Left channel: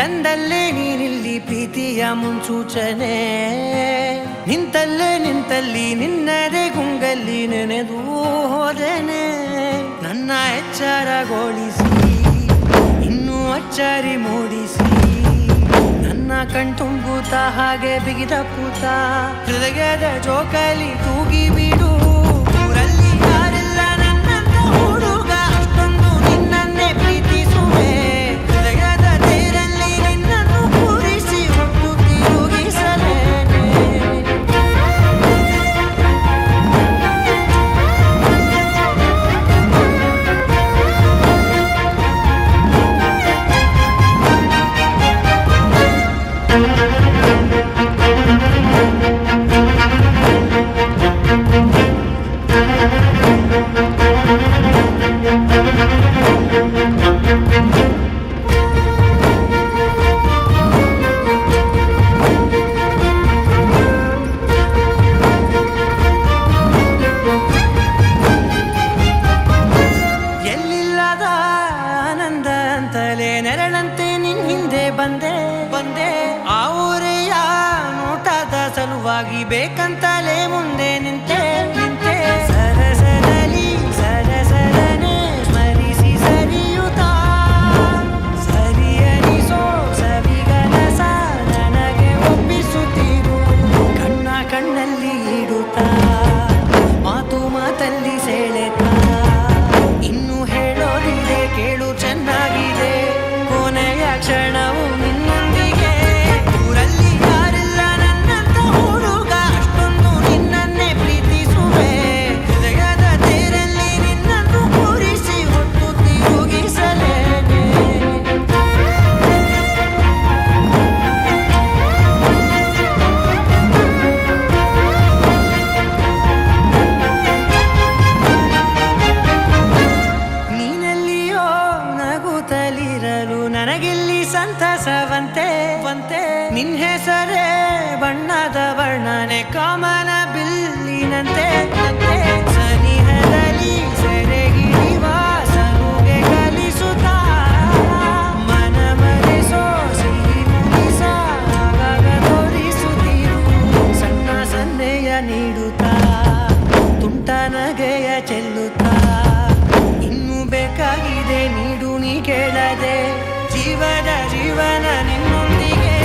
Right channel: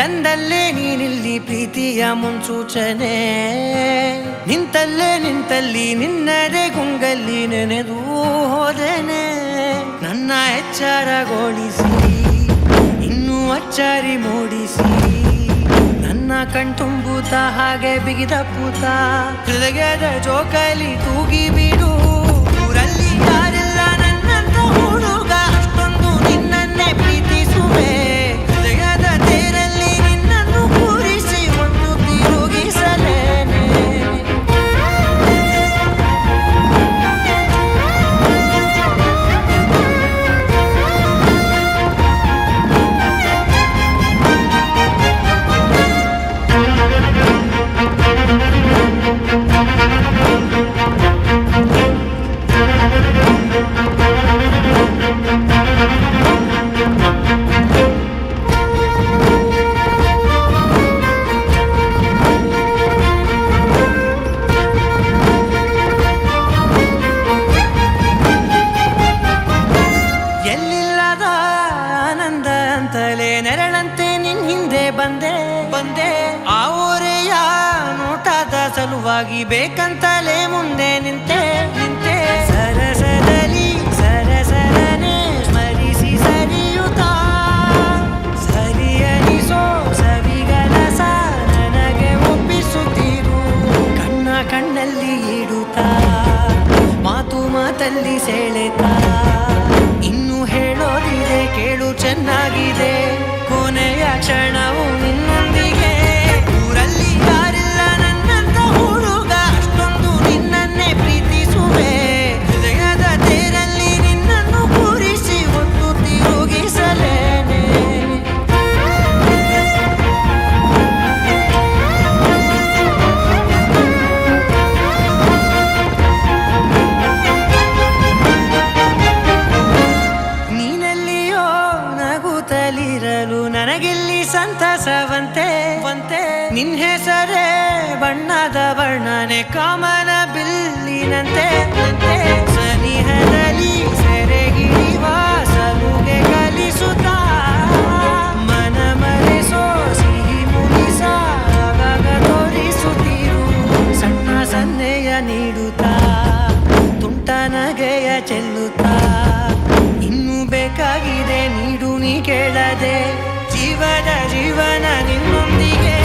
ತಂದಲ್ಲೇ ನೀನಿಲ್ಲಿ ಪ್ರೀತಿಯ ಮುನ್ಸೂಚನೆ, ನಿಂತಲ್ಲಿ ನಿನ್ನದೇ ಗುಂಗಲ್ಲಿ ನೆನೆದು ಹೋದನೆ. ನನ್ನ ಎಚ್ಚರಗೊಳಿಸಿ ಇನ್ನೂ ಅಚ್ಚರಿ ಮೂಡಿಸಿ, ನನ್ನ ಕಣ್ತುಂಬುತ್ತ ಹಾಗೆ ಬಿಗಿದ ಪೂತ ಹೃದಯದ ಜೋಕಾಲಿ ತೂಗಿ ಬಿಡು. ಊರಲ್ಲಿ ಯಾರಿಲ್ಲ ನನ್ನಂತ ಹುಡುಗ, ಅಷ್ಟೊಂದು ನಿನ್ನನ್ನೇ ಪ್ರೀತಿಸುವೆ. ಹೃದಯದ ತೇರಲ್ಲಿ ನಿನ್ನನ್ನು ಕೂರಿಸಿ ಹೊತ್ತು ತಿರುಗಿಸಲೇನೆ. ಎಲ್ಲಿಲ್ಲದ ಆನಂದ ಅಂತಲೇ ನೆರಳಂತೆ ನಿನ್ ಹಿಂದೆ ಬಂದೆ. ಆ ಊರೆಯ ನೋಟದ ಸಲುವಾಗಿ ಬೇಕಂತಲೇ ಮುಂದೆ ನಿಂತೆ. ಸರಸದಲ್ಲಿ ಸರಸರನೆ ಸ್ಮರಿಸಿ ಸರಿಯುತ್ತಾ, ಸರಿಯನಿಸೋ ಸವಿಗನಸ ನನಗೆ ಒಪ್ಪಿಸುತ್ತೀರು. ಕಣ್ಣಲ್ಲಿ ಇಡುತ್ತಾ, ಮಾತಲ್ಲಿ ಸೆಳೆತಾ, ಇನ್ನು ಹೇಳೋದಿದೆ ಕೇಳು ಚೆನ್ನಾಗಿದೆ. ಕೊನೆಯ ಕ್ಷಣವು ನಿನ್ನೊಂದಿಗೆ. ಊರಲ್ಲಿ ಯಾರಿಲ್ಲ ನನ್ನಂತ ಹುಡುಗ, ಅಷ್ಟೊಂದು ನಿನ್ನನ್ನೇ ಪ್ರೀತಿಸುವೆ. ಹೃದಯದ ತೇರಲ್ಲಿ ನಿನ್ನನ್ನು ಕೂರಿಸಿ ಹೊತ್ತು ತಿರುಗಿಸಲೇನೆ. ನೀನೆಲ್ಲಿಯೋ ನಗುತ್ತಲಿರಲು ನನಗಿಲ್ಲಿ ಸಂತಸವಂತೆ. ನಿನ್ ಹೆಸರೇ ಬಣ್ಣದ ವರ್ಣನೆ ಕಾಮನ ಬಿಲ್ಲಿನಂತೆ. ಸನಿಹದಲ್ಲಿ ಸೆರೆ ಹಿಡಿಯುವ ಸಲುಗೆ ಕಲಿಸುತ್ತಾ, ಮನ ಮರೆಸೋ ಸಿಹಿ ಮುನಿಸ ಆಗಾಗ ತೋರಿಸುತ್ತೀರು. ಸಣ್ಣ ಸನ್ನೆಯ ನೀಡುತ್ತಾ, ತುಂಟ ನಗೆಯ ಚೆಲ್ಲುತ್ತಾ, ಇನ್ನು ಬೇಕಾಗಿದೆ ನೀಡು ನೀ ಕೇಳದೆ. ಜೀವನ ನಿನ್ನೊಂದಿಗೆ.